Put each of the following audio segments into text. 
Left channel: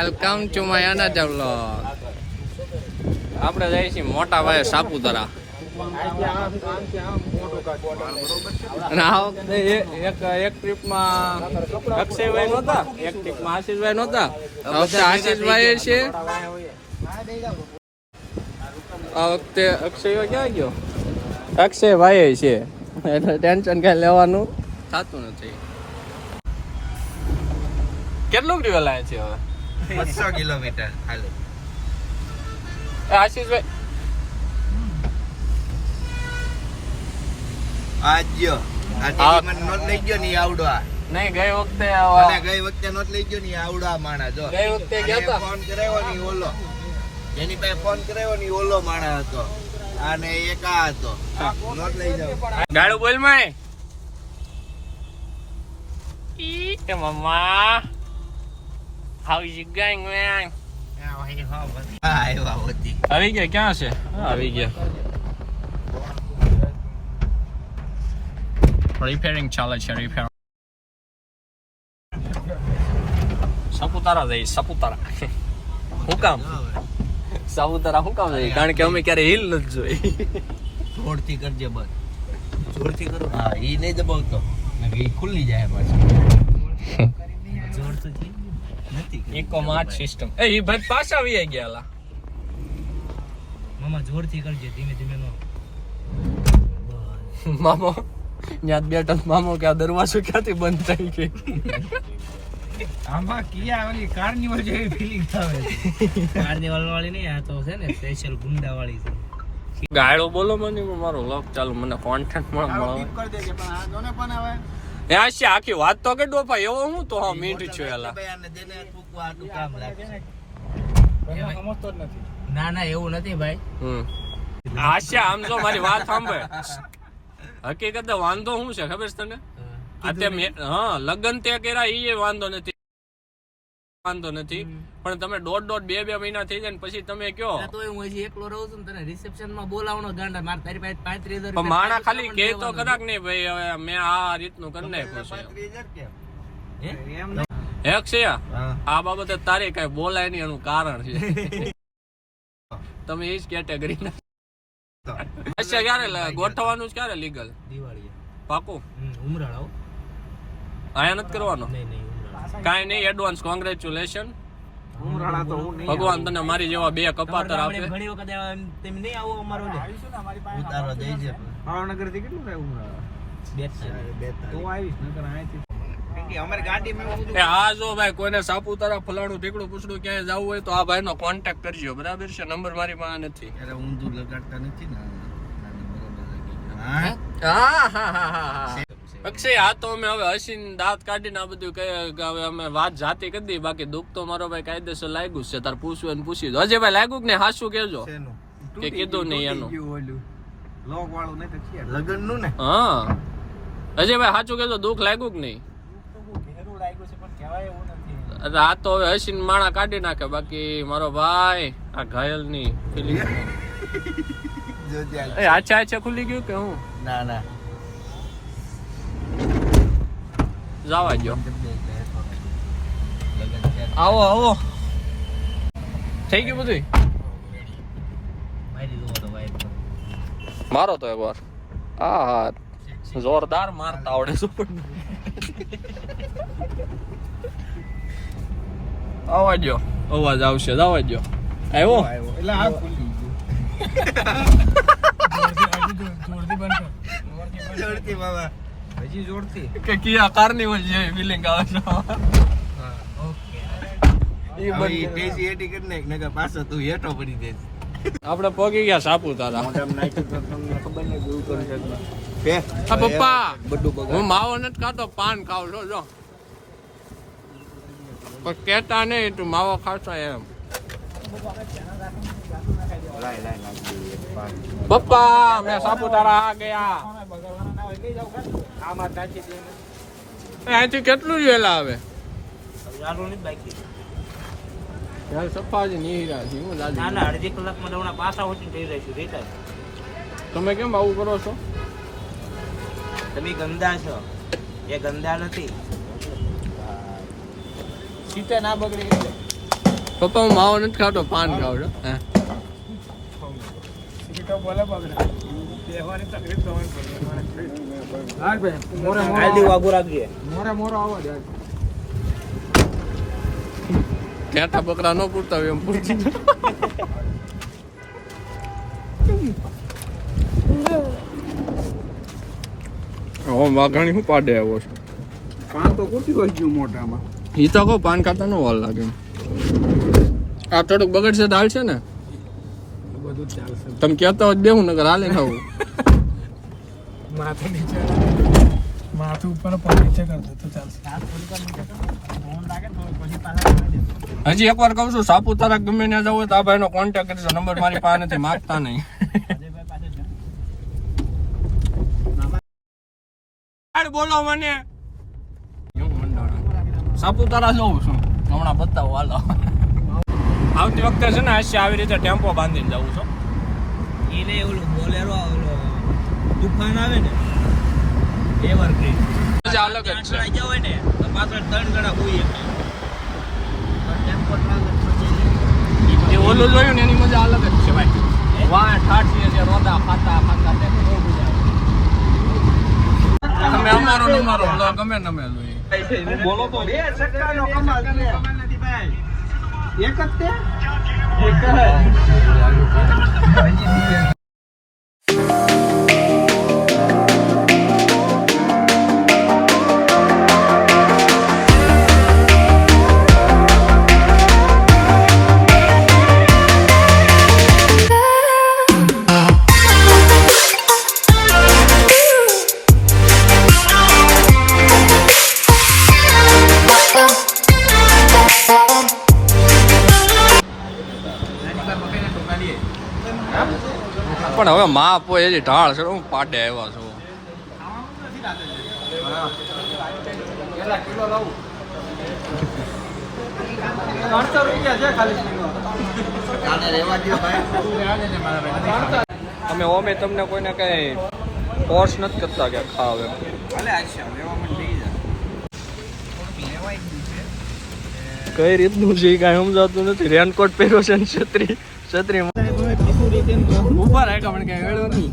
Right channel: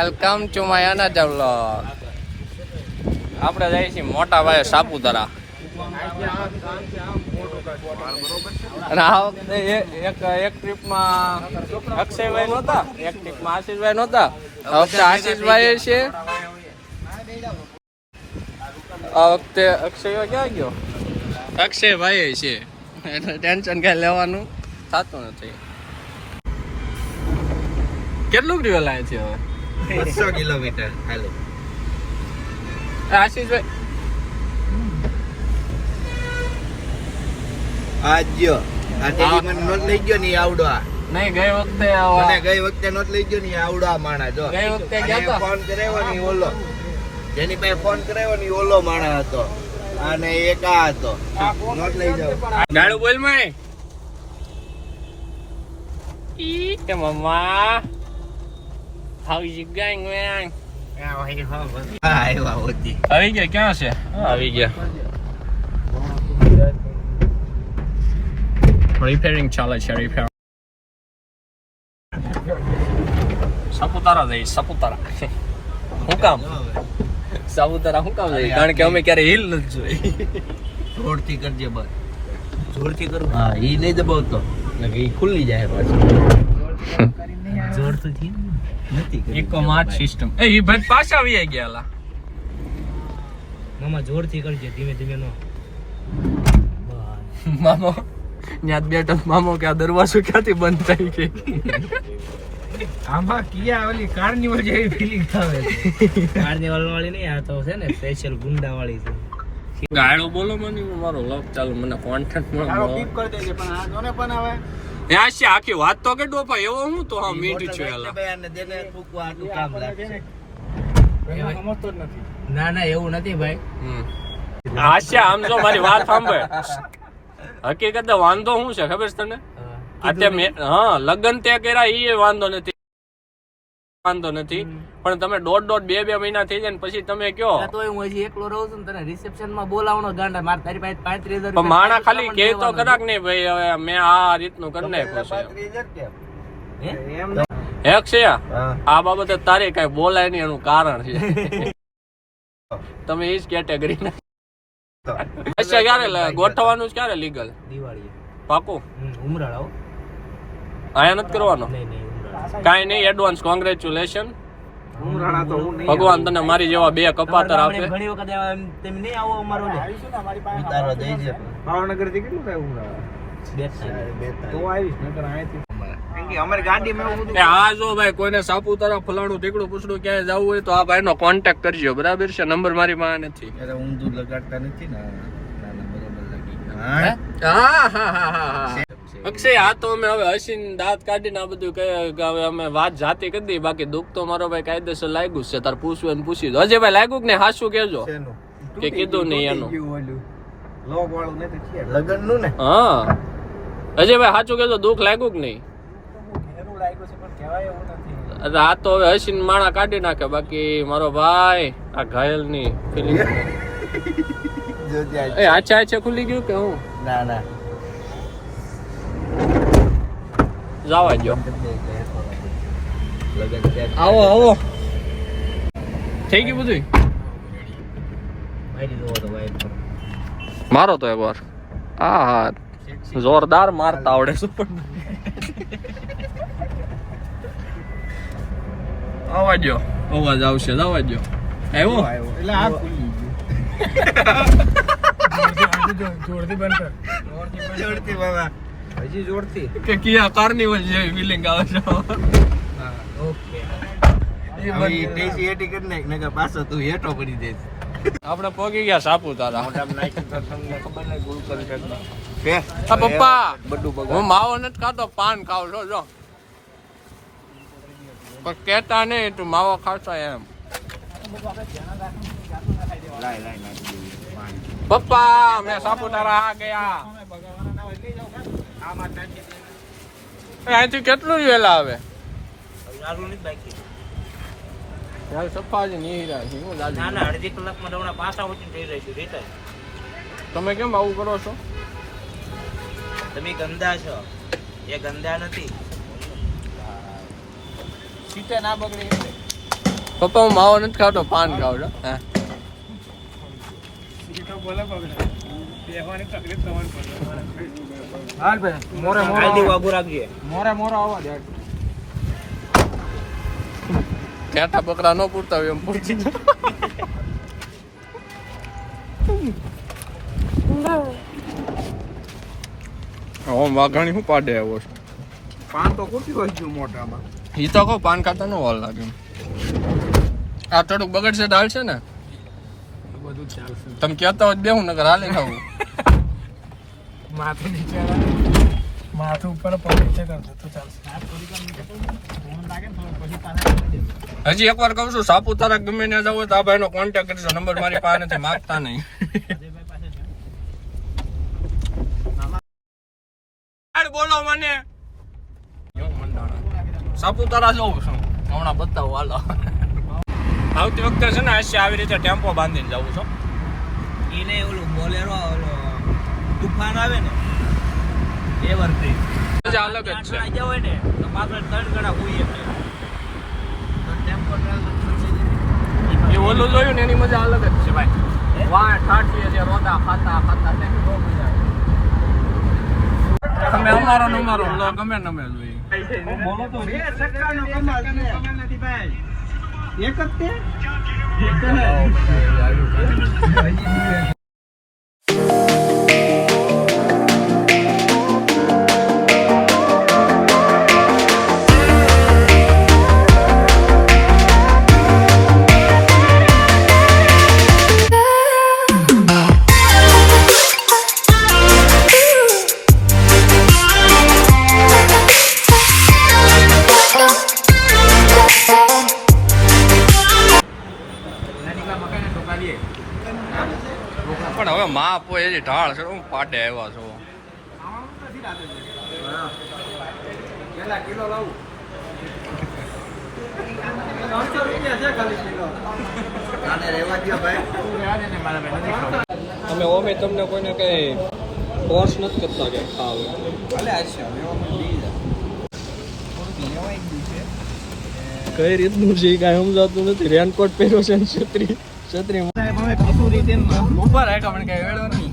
Welcome to my another vlog. આપણે જઈએ છીએ મોટા ભાઈ સાપુતારા. અને આ વખતે એક ટ્રીપમાં અક્ષયભાઈ નહોતા, એક ટ્રીપમાં આશીષભાઈ નહોતા. આ વખતે આશીષભાઈ છે. આ વખતે અક્ષય ક્યાં ગયો? અક્ષયભાઈ છે એટલે ટેન્શન કઈ લેવાનું થતું નથી. કેટલું ટ્રેવલ આવે છે હવે? 200 કિલોમીટર ખાલી. આશીષભાઈ આજો આ ટેલી મને નોટ લઈ ગયો ની આવડવા નહીં. ગઈ વખતે મને ગઈ વખતે નોટ લઈ ગયો ની આવડવા માણા. જો ગઈ વખતે ગયા ફોન કરાવ્યો ની ઓલો, જેની પાસે ફોન કરાવ્યો ની ઓલો માણા હતો અને એક આ હતો. નોટ લઈ જાવ. ગાડું બોલ માં કે મમ્મા how is it going main? આવી ગયા ક્યાં છે? આવી ગયા. રિપેરિંગ ચાલે છે. રિપેર સાપુતારા જઈ. સાપુતારા શું કામ? સાપુતારા શું કામ જઈ? કારણ કે અમે ક્યારે હિલ નથી જોઈ. જોરથી કરજે બસ. જોરથી કરું. હા ઈ નહીં દબાવતો ઈ ખુલ્લી જાય પાછું. જોરથી થી નથી કરી. Eco March system. એ ઈ ભાઈ પાછા આવી ગયા. મામા જોરથી કરજે, ધીમે ધીમે નો. મામો ત્યાં બેઠો. મામો કે આ દરવાજો ક્યાંથી બંધ થાય છે? આમાં કિયા ઓલી કાર્નિવલ જેવી ફીલિંગ આવે છે. કાર્નિવલ વાળી નહીં, આ તો છે ને સ્પેશિયલ ગુંડા વાળી છે. ગાળો બોલો મને, મારો લક ચાલુ મને કોન્ટેન્ટ માં ટીપ કરી દેજે. પણ આ જોને પણ આવે ત્યાં છે આખી વાત તો કે ડોપા એવો હું તો હા મીઠું છું એલા. ના ના એવું નથી ભાઈ. હાસ્યા આમ જો મારી વાત સાંભળ. હકીકતે વાંધો શું છે ખબર છે તને? હા લગ્ન તે કર્યા એ વાંધો નથી, વાંધો નથી. પણ તમે દોઢ બે મહિના થઈ જાય ને પછી તમે કયો તો હું હજી એકલો રહું છું ને તને રિસેપ્શન માં બોલાવવાનો ગાંડા માર તારી પાસે 35,000 પણ માણા ખાલી કે તો કદાચ નહીં ભાઈ હવે મેં આ રીતનું કરી નાખ્યું છે. એક છે આ બાબતે તારી કઈ બોલાય નહીં એનું કારણ છે તમે એ જ કેટેગરી ના. અચ્છા ક્યારે ગોઠવવાનું છે? ક્યારે લીગલ? દિવાળી પાકું ઉમરાળો આયા નથી કરવાનો? કાઈ નહીં. Advance congratulation. ભગવાન તને મારી જેવા બે કપાતર આપે. ઘણી વખત તેમ નહીં આવો અમારો આવીશું ને અમારી પાસે ઉતારો દઈ દે. ભાવનગર થી કેટલું થાય ઉમરાળા? તો આવીશ નકર અહીંથી અમારી ગાડીમાં આ જો ભાઈ કોઈને સાપુતારા ફલાણું ઢીકડું પૂછડું ક્યાંય જવું હોય તો આ ભાઈ નો કોન્ટેક્ટ કરજો. બરાબર છે? નંબર મારી પાસે નથી. અરે ઊંધું લગાડતા નથી ને. અક્ષય આ તો અમે હવે હસીને દાંત કાઢીને આ બધું કહે કે હવે અમે વાત જાતી કરી દઈએ. બાકી દુઃખ તો મારો ભાઈ કાયદેસર લાગ્યું છે. તાર પૂછવું ને પૂછી દો. અજય ભાઈ લાગ્યું કે ને હાસું કેજો કે કીધું નહીં એનું લગન નું ને. હા અજય ભાઈ સાચું કેજો દુઃખ લાગ્યું કે નહીં? આ તો હવે હસીને માણા કાઢી નાખે. બાકી મારો ભાઈ આ ઘાયલ ની ફિલિંગ આછા ખુલી ગયું કે હું? ના ના જવા દો. આવો આવો થઈ ગયું બધું. મારો તો એક વાર હા જોરદાર મારતા આવડે શું પણ. અવાજ આવશે. જવા દો. આવ્યો એટલે આ ખુલી જોરથી બાબા હજી જોરથી કે કિયા કાર્નિવલ જેવી ફીલિંગ આવે છે. આપણે પહોંચી ગયા સાપુતારા. પપ્પા હું માવો નથી ખાતો, પાન ખાવ છો જો. પણ કેતા નહીં તું માવો ખાશો એમ. પપ્પા મેં સાપુતારા આ ગયા. અહીંથી કેટલું વેલા આવે? અડધી કલાકમાં દવડા પાછા ઉઠીને થઈ જઈશું રિટર્ન. તમે કેમ આવું કરો છો? તમે ગંદા છો, એ ગંદા નથી. સીટે ના બગડે એટલે પપ્પા હું માવો નથી ખાતો, પાન ખાવ છો. હા કેટા બકરા ન પૂરતા હોય એમ પૂછી વાઘાણી શું પાડે આવ્યો છે. પાન તો કુટી હોય ગયું મોઢામાં. ઈ તો કહો પાન ખાતા નો વાર લાગે. આ થોડુંક બગડશે દાળ છે ને, તમે કહેતા હોય દેવું નગર હાલે ખાવું. માથું ઉપર નીચે કર દે તો ચાલશે. હજી એકવાર કહું છું, સાપુતારા ગમે ત્યાં જવું તો આ ભાઈનો કોન્ટેક્ટ કરજો. નંબર મારી પાસે નથી, માગતા નહીં. બોલો મને સાપુતારા જવું છું હમણાં, બતાવો હાલો. આવતી વખતે છે ને આશી આવી રીતે ટેમ્પો બાંધીને જવું છું. એને ઓલું બોલેરો ઓલો તુફાન આવે ને એવર બ્રિજ મજા અલગ જ છે. જાય હોય ને તો પાછળ 3 જણા કોઈ એક ટેમ્પો એ ઓલું જોયું ને એની મજા અલગ જ છે ભાઈ. વાહ ઠાઠી એટલે રોદા ખાતા ખાતા તે બહુ મજા આવે. તમે અમારો ને અમારો બ્લોગ ગમે નમે જોઈએ. બોલો તો બે છક્કાનો કમાલ નથી ભાઈ. એક જ તે પણ હવે માપ હોય એની ઢાળ છે, હું પાડે આવ્યા છો. કેટલા કિલો લાવું? 300 રૂપિયા છે ખાલી કિલો. કાને રેવા દો ભાઈ. તું રહેવા દે ને મારા ભાઈ. અમે ઓમે તમને કોઈને કઈ ફોર્સ નથી કરતા કે ખાવે. ભલે આજ છે લેવા મને લઈ જા. લેવાય જ છે. કઈ રીતનું છે કાંઈ સમજાતું નથી. રેનકોટ પહેર્યો છે ને છત્રી ઉપર રાખ્યા પણ કઈ વેળું નહીં.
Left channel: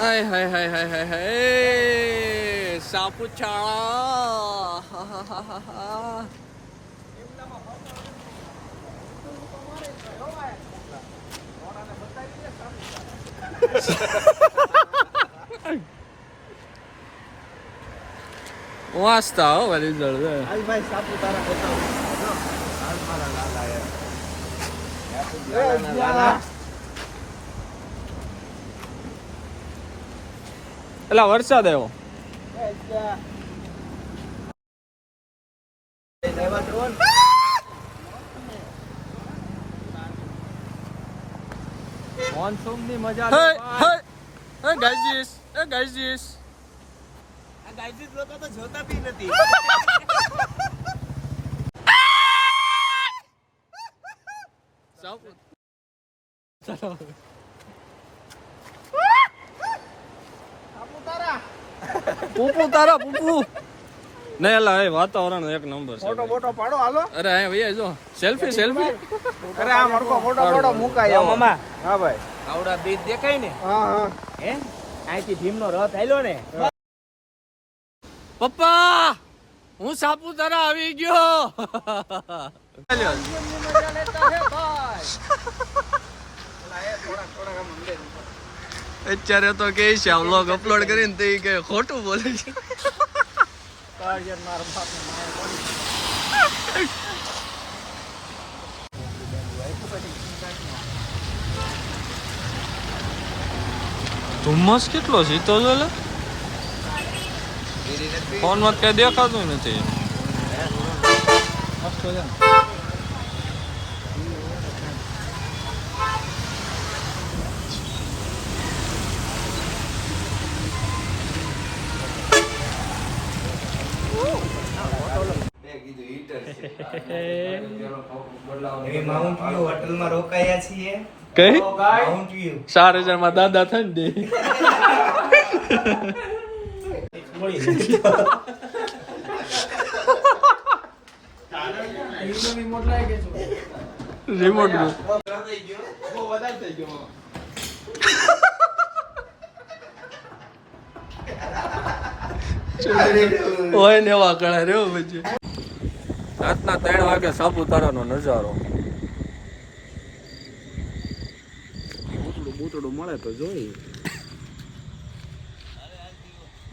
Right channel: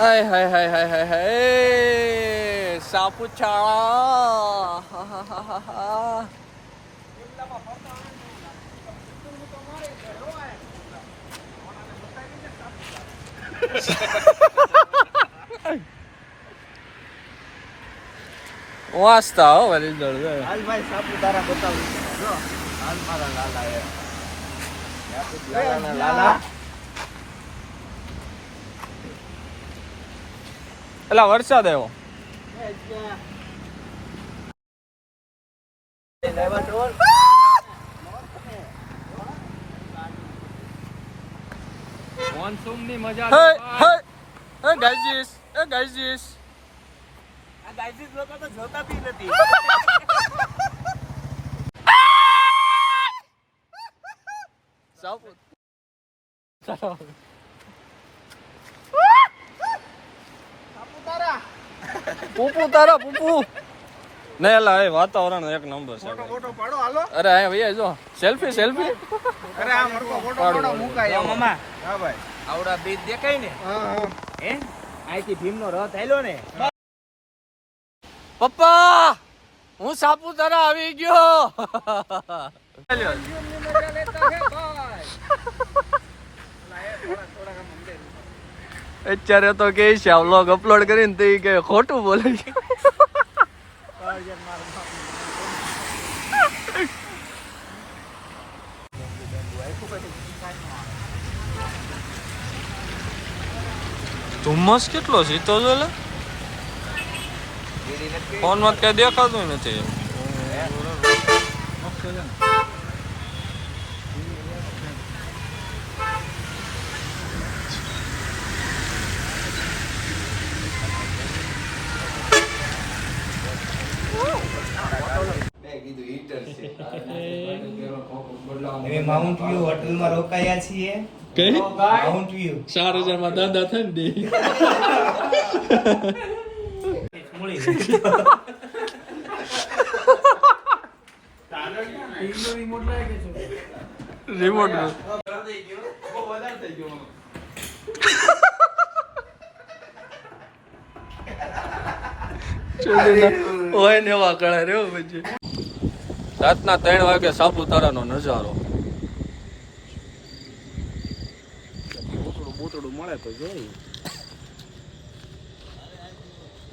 હાય હાય હાય હાય હાય હાય સાપુતારા. વાસ્તા હો વળી જળ. હાલ ભાઈ સાપુતારા બતાવું. જો હાલ મારા લાલા એ લાલા લાલા એલા વરસાદ આવ્યો. મોનસૂન ની મજા હે ગાઈઝીસ, એ ગાઈઝીસ. આ ગાઈઝીસ લોકો તો જોતા બી નથી. ચાલો પૂપુ તારા પૂપુ નહીં એલા એ વાતાવરણ એક નંબર છે ભાઈ. ફોટો પાડો હાલો. અરે અહીંયા ભૈયા જો સેલ્ફી સેલ્ફી. અરે આ મારો ફોટો પાડો મુકાય આવો મામા. હા ભાઈ આવડા બ્રિજ દેખાય ને. હા હા હે આઈથી ભીમનો રથ આયલો ને. પપ્પા હું સાપુતારા આવી ગયો. મજા લેતા હે ભાઈ. અત્યારે તો કે છે આ વ્લોગ અપલોડ કરીને તો કે ખોટું બોલે છે. ધુમ્મસ કેટલો છે તો ફોન માં કઈ દેખાતું નથી. માઉન્ટ વ્યુ હોટલમાં રોકાયા છીએ. કઈ માઉન્ટ વ્યુ 4000 માં દાદા થાય ને રિમોટ હોય ને એવા કળા રહ્યો પછી રાતના 3 વાગે સાપુતારાનો નજારો. બૂતડું મળે તો જોઈ.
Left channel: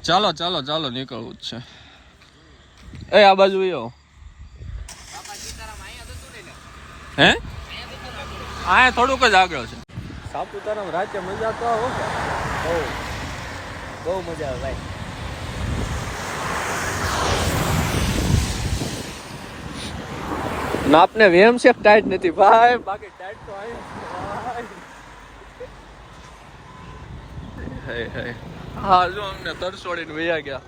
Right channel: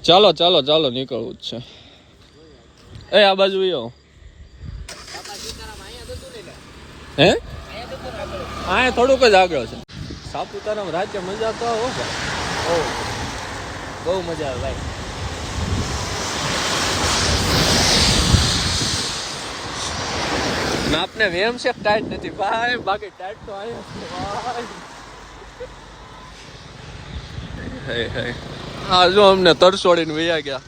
ચાલો ચાલો ચાલો નીકળવું જ છે. એ આ બાજુ આવો. હે આ થોડુંક જ આગળ છે. સાપુતારામાં રાતે મજા તો આવો ભાઈ. બહુ મજા આવે ભાઈ. નાપને વેમ છે ટાઈટ નથી ભાઈ, બાકી ટાઈટ તો આયા હે હે. હા જો અમને તરસોડીને વયા ગયા.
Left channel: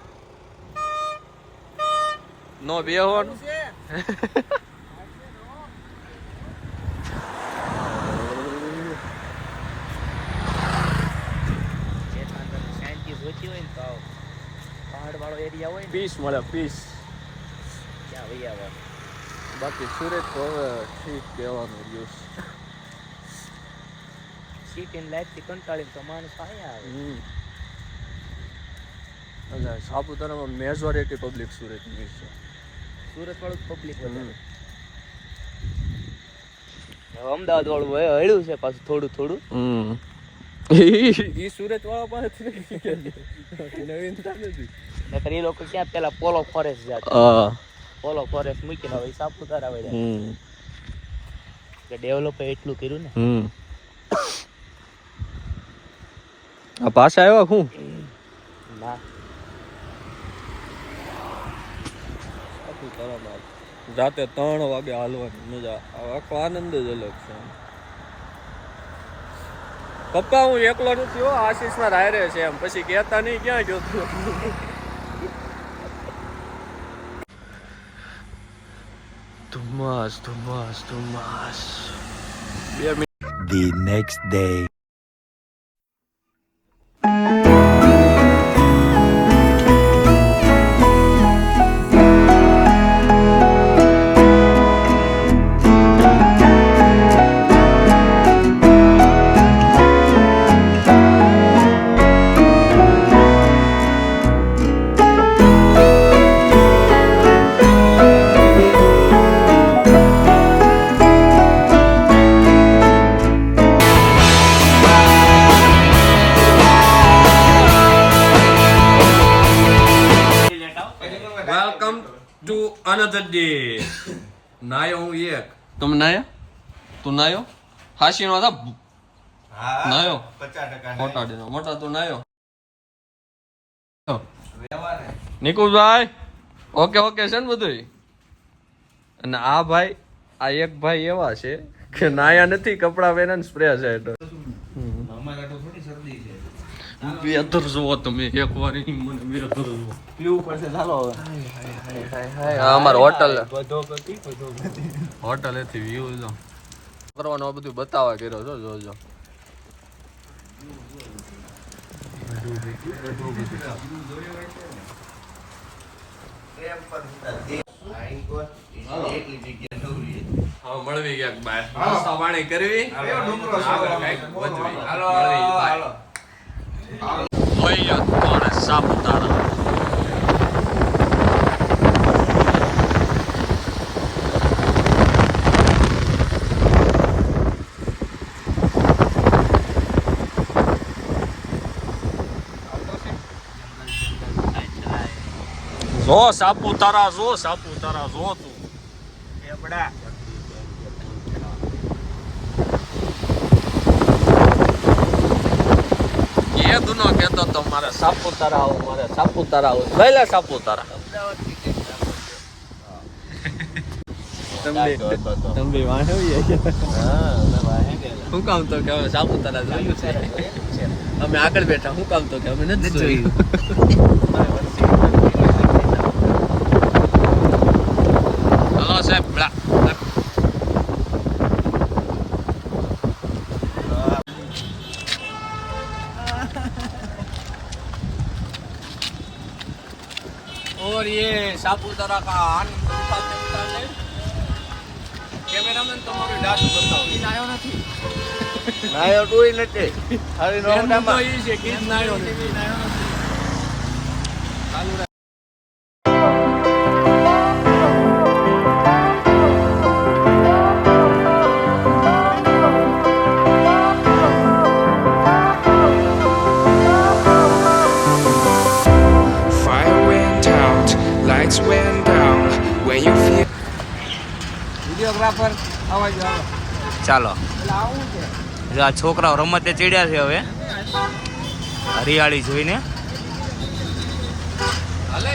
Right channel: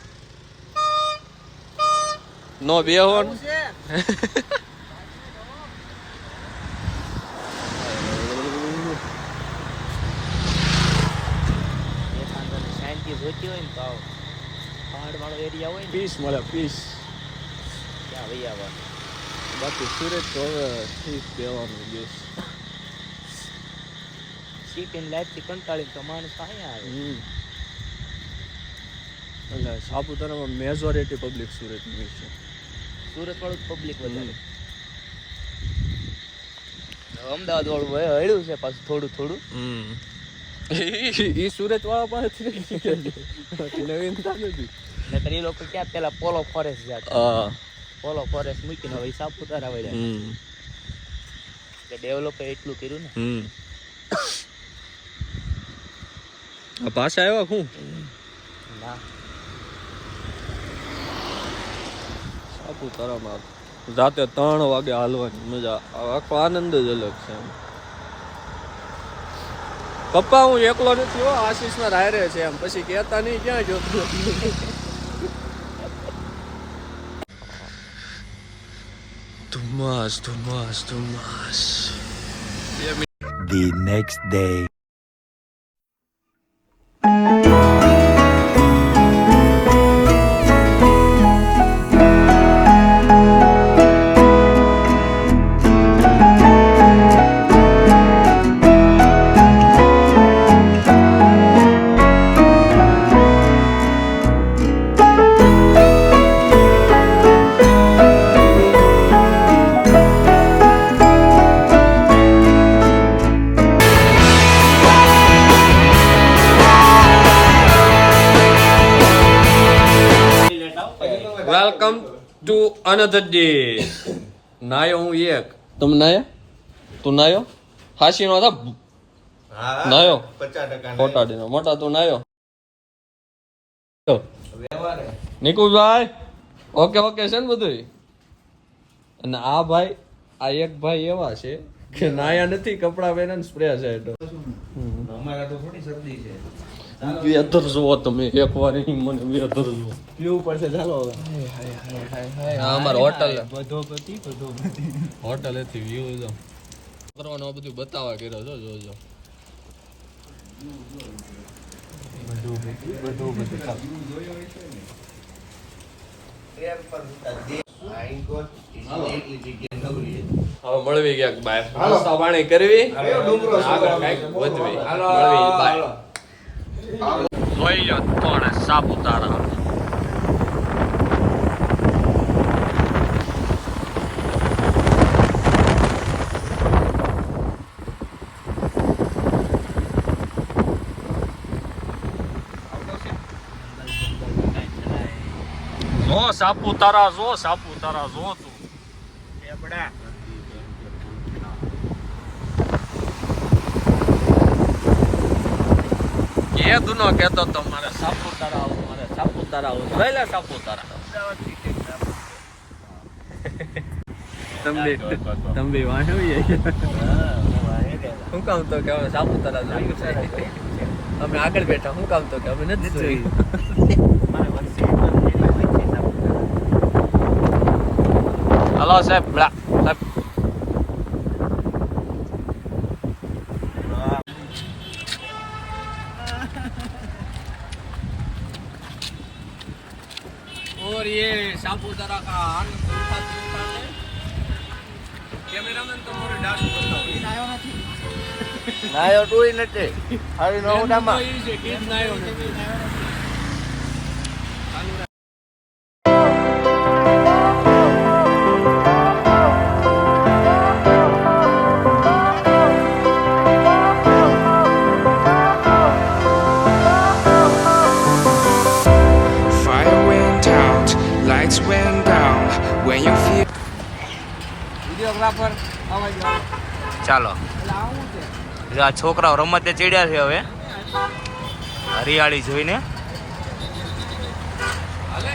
નો બેહોન પહાડ વાળો એરિયા હોય ને પીસ મળે પીસ. ત્યાં વહી આવવાનું. બાકી સુરત તો હવે ઠીક બેવાનું દિવસ. સિટી લાઈફ થી કંટાળીને તો માણસ અહીંયા આવે. એટલે સાપુતારામાં મેજોરિટી પબ્લિક સુરતની છે. સુરત વાળું પબ્લિક વધારે. અમદાવાદ વાળું હળ્યું છે પાછું થોડું થોડું. ઈ સુરત વાળા પાસેથી નવીનતા નથી. નકર એ લોકો ક્યાં પેલા પોલો ફોરેસ્ટ જતા. પોલો ફોરેસ્ટ મૂકીને હવે સાપુતારા વળ્યા. કે ડેવલપ એટલું કર્યું ને. આ પાછા આવ્યા હું સાપુતારામાં રાતે 3 વાગે હાલવાની મજા. આખો આનંદ જ અલગ છે. પપ્પા હું એકલો નથી હો, આશીષ ના રાયરે છે એમ. પછી કહેતા નહીં ક્યાં જોતું. ધુમ્મસ ધુમ્મસ ધુમ્મસ. The next day. Welcome to another day. નાયો હું એક. તમે નાયા? તું નાયો? હાસી નો હતા નાયો 50% ખોટાડીનો મોટા તું નાયો. નિકુલભાઈ ઓકે ઓકે છે ને બધું. અને આ ભાઈ આ એક ભાઈ એવા છે કે નાયા નથી, કપડા પહેર્યા સ્પ્રે છે. અમારા તો થોડી શરદી છે. વેધર જુઓ તમે એક વાર મને વેધર જુઓ. પીવું પડશે ચાલો. આ અમારી હોટલ બધો હોટલ હતી વ્યૂ જો કરવાનો આ બધું બતાવવા કર્યો છો. જોજો હવે મળવી ક્યાંક બાય નાસ્તા પાણી કરવી આગળ કઈક વધવી મળવી બાય. જોઈએ કોણ સાપુતારા. જો સાપુતારા જો સાપુતારા જો તું લેબડા. એ દુનો કહેતો તો મારે સાપુતારા આવું, મારે સાપુતારા આવું. પહેલા સાપુતારા તમે વાંહે આવી ગયા. હું કામ તો કે અમે સાપુતારા જોયું છે, અમે આગળ બેઠા. હું કામ તો કે અમે નથી જોયું. હલો સાહેબ. और ये सापुतारा का आनंद उठाते उठाते कैमरामैन તમારો ડાસ બતાવો. ઈ નાયો નથી. નાયો તોય નથી. અરે મેન મુદ્દો ઈ છે કે ઈ નાયો નથી. ચાલુ રાખ. Fire went out, lights went down. When you feel વિડિયોગ્રાફર આવા જો આવો. ચાલો એટલે આવું છે. જો આ છોકરાઓ રમતે ચડ્યા છે હવે હરિયાળી જોઈને. હાલે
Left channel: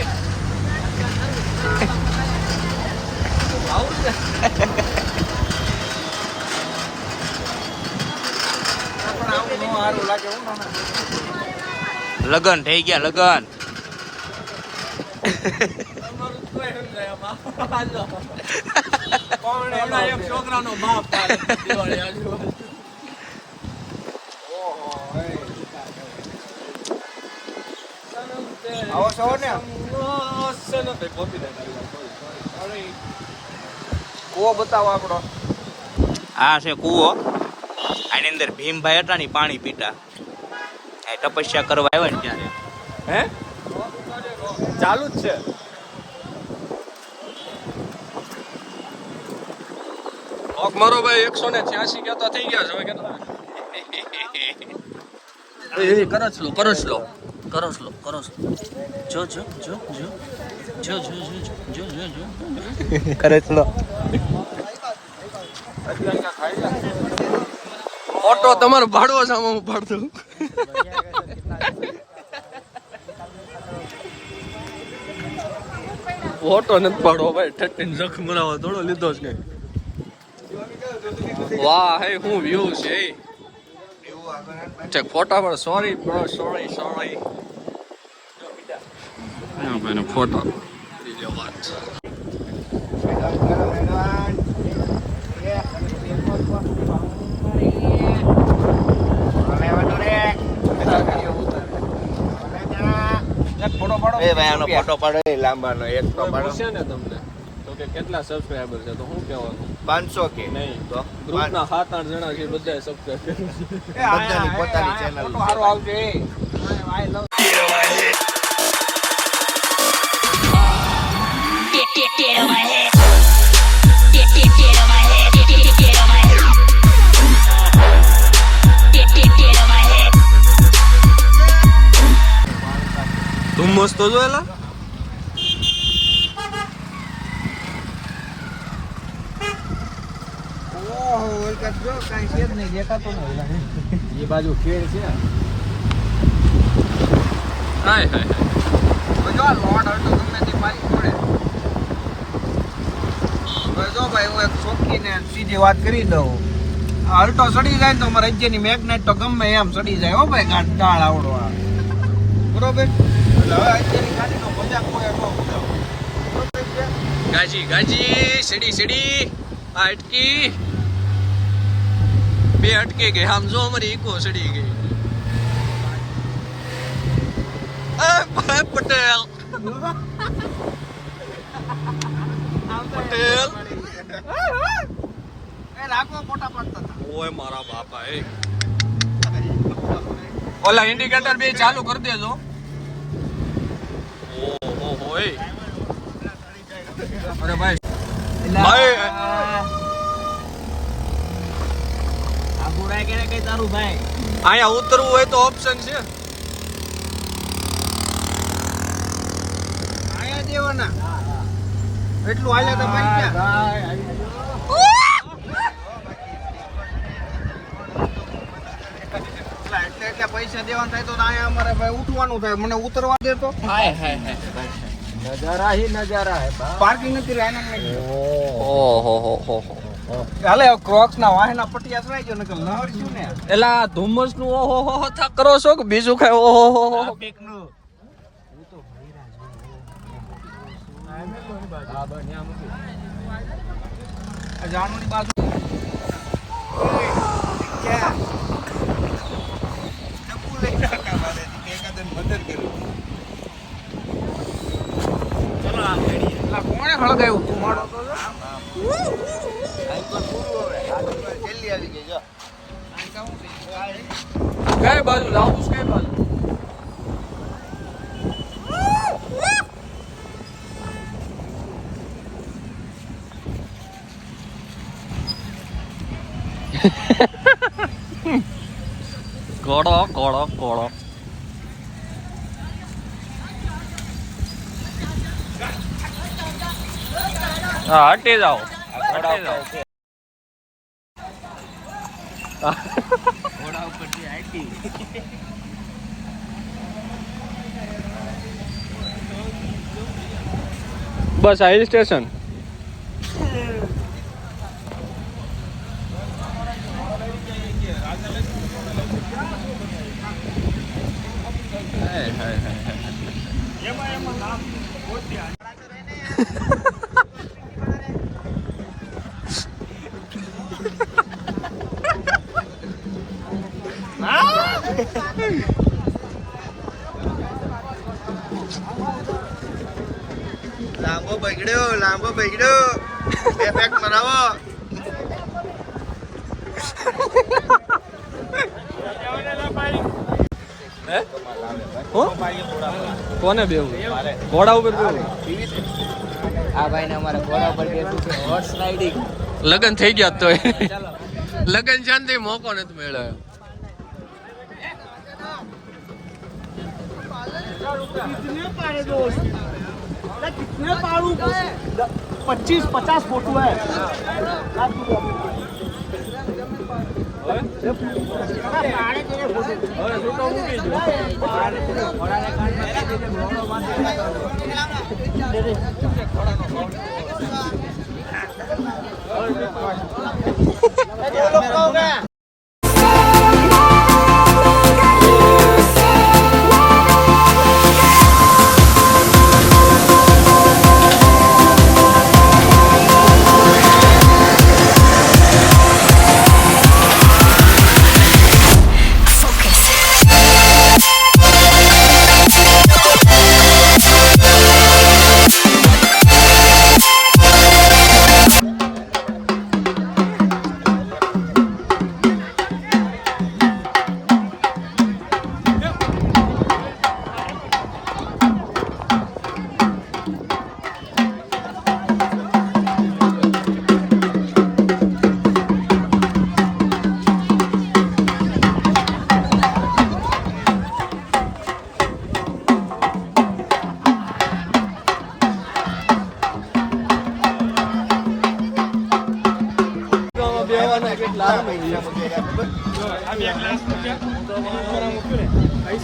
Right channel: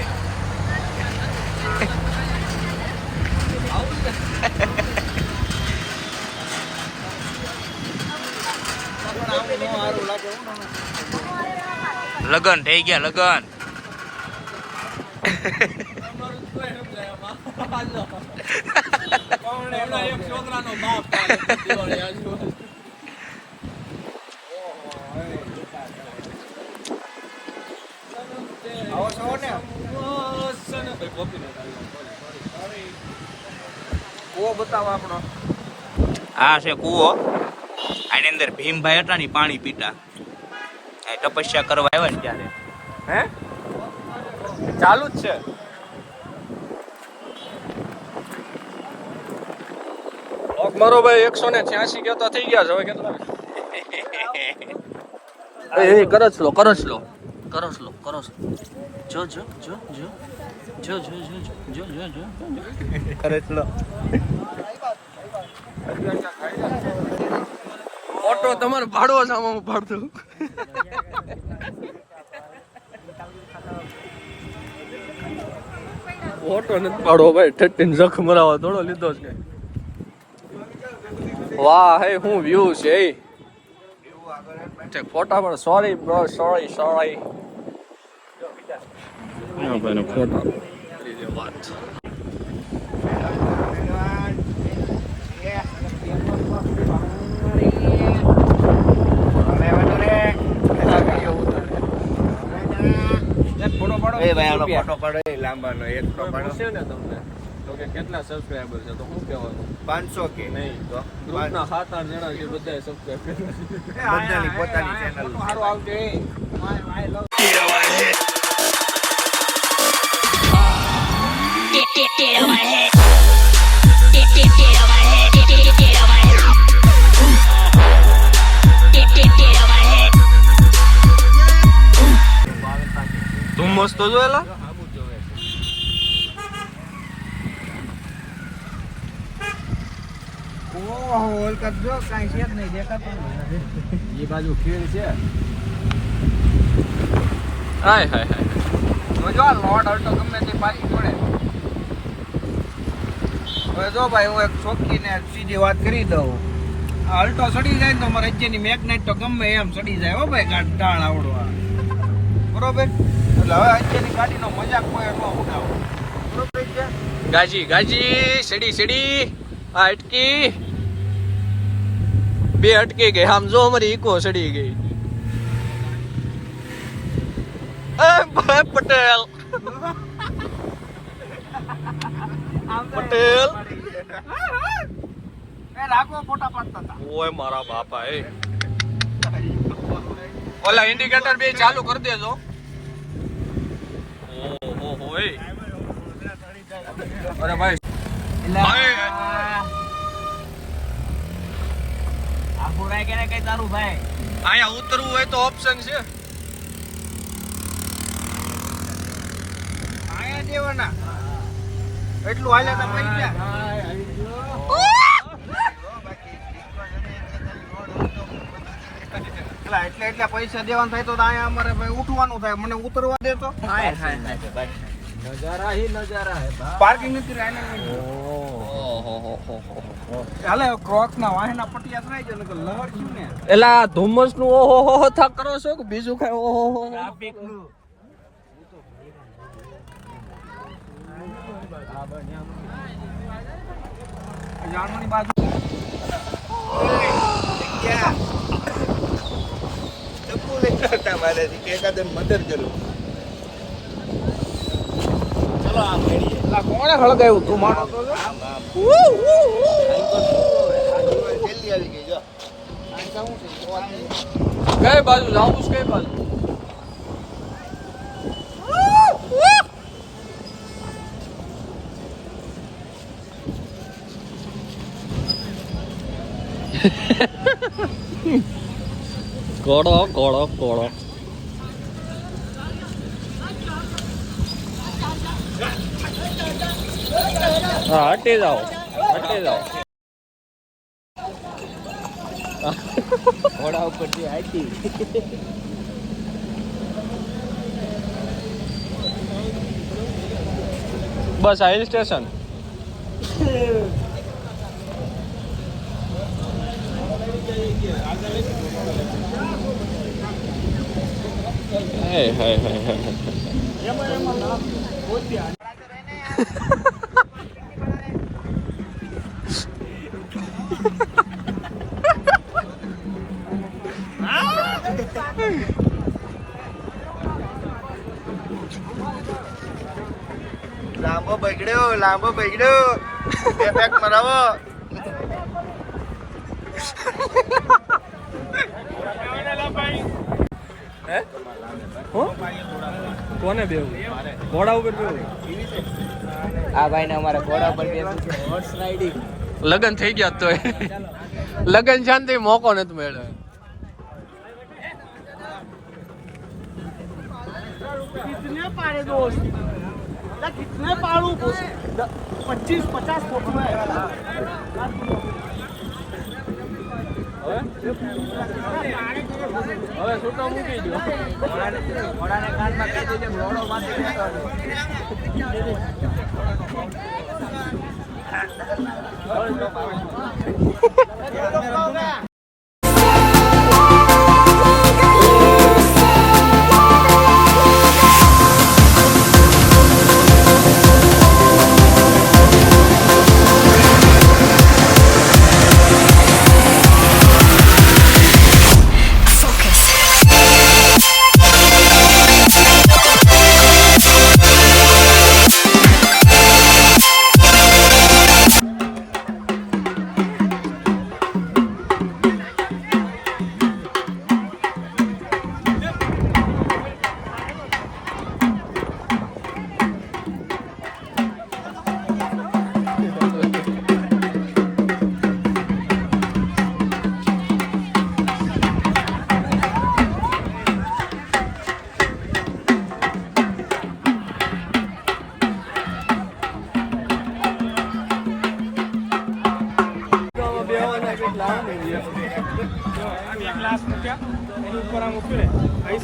આવું છે. પણ આવું નો સારું લાગે હું ના. લગન થઈ ગયા લગન. તમારું કોઈ સમજાય આમાં. હાલો. હમણાં એક છોકરાનો બાપ થાય દિવાળી આજુબાજુ. આવો છો ને. કૂવો બતાવો આપણો. આ છે કૂવો. આની અંદર ભીમભાઈ હતા ને પાણી પીતા. આ તપસ્યા કરવા આવ્યા ને ત્યારે. હે ચાલુ જ છે. મારો ભાઈ 186 કેતો થઈ ગયા છે હવે કેટલા કરસ લો જો કરે ચલો. ઓટો તમારો ભાડવો સામે હું ભાડતો. ઓટો નથી પાડવો ભાઈ. ઠઠીને જખ મરાવા થોડો લીધો છે કઈ. વાહ હે હું વ્યૂ છે. ચેક ફોટા પર. સોરી બ્રો, સોરી ભાઈ નો ફોટો કરી દે વાત. એ ભાઈ આનો ફોટો પાડો એ લાંબાનો એક તો પાડો. પૂછે ને તમને તો કે કેટલા સબસ્ક્રાઇબર છે તો શું કહેવાનું? 500 કે નહીં તો ગ્રુપના 7-8 જણા છે બધાએ સબસ્ક્રાઇબ કર્યા છે. બધાની પોતાની ચેનલ છે ભાઈ. Get on my head. Get on my head. Get on my head. Get on my head. ધુમ્મસ તો જોયેલા. એ બાજુ ખેડ છે. હાય હાય હાય. જો મોડ અલ્ટો ગમે તે પાઈ છોડે. જો ભાઈ હું એક ચોખ્ખીને સીધી વાત કરી દઉં. આ અલ્ટો સડી જાય ને તો અમારા રાજ્યની મેગ્નેટ તો ગમે એમ સડી જાય હો ભાઈ. ઢાળ આવડો આ બરોબર. એટલે હવે અત્યારની ગાડીનો મજાક કોઈ ન ઉઠાવો. ગાજી સીડી આ અટકી બે અટકી ગઈ. આમ જો અમારી ઈકો સડી ગઈ. એ ભાઈ પટેલ રાખો ફોટા પાડતા હતા. ઓય મારા બાપા એ ઓલા ઇન્ડિકેટર બે ચાલુ કરી દેજો. ઓહો એ અરે ભાઈ અહીંયા ઉતરવું હોય તો ઓપ્શન છે. અહીંયા દેવાના એટલું આવ્યા તો પૈસા. એટલે પૈસા દેવાનું થાય તો અહીંયા અમારે ભાઈ ઉઠવાનું થાય. મને ઉતરવા દે તો. હાય નજારા હી નજારા હે પાર્કિંગ નથી રહી ઓહો હાલે ક્રોક્સ ના વાહના પટિયા થઈ ગયો નકર લહર છું ને એલા ધુમ્મસ નું ઓહો થા કરો છો કે બીજું કઈ ઓહો ટ્રાફિક નું આ જાણવાની બાજુ તમારે એકાદન મદદ કરું કોણે ખળગાયું તું માણસ કઈ બાજુ જાવું છે કઈ બાજુ કોડો કોડો કોડો હા હટી જાઓ ઘોડા ઉપરથી હાઈટી બસ આ હિલ સ્ટેશન લાંબો બગડ્યો બેક મરાવો હે હો કોને બેવું ઘોડા ઉપર બેવું આ ભાઈ ને અમારા ઘોડા પર બેઠું છે હોર્સ રાઇડિંગ લગન થઈ ગયા તો લગન શાંતિ મોકો નથી મેળવ્યો कितने पाड़े दोस्त कितने पाड़ू 25-50 फोटो है હવે છૂટો મૂકી દો ઘોડાને કાનમાં કહી દેજે ઘોડો માથે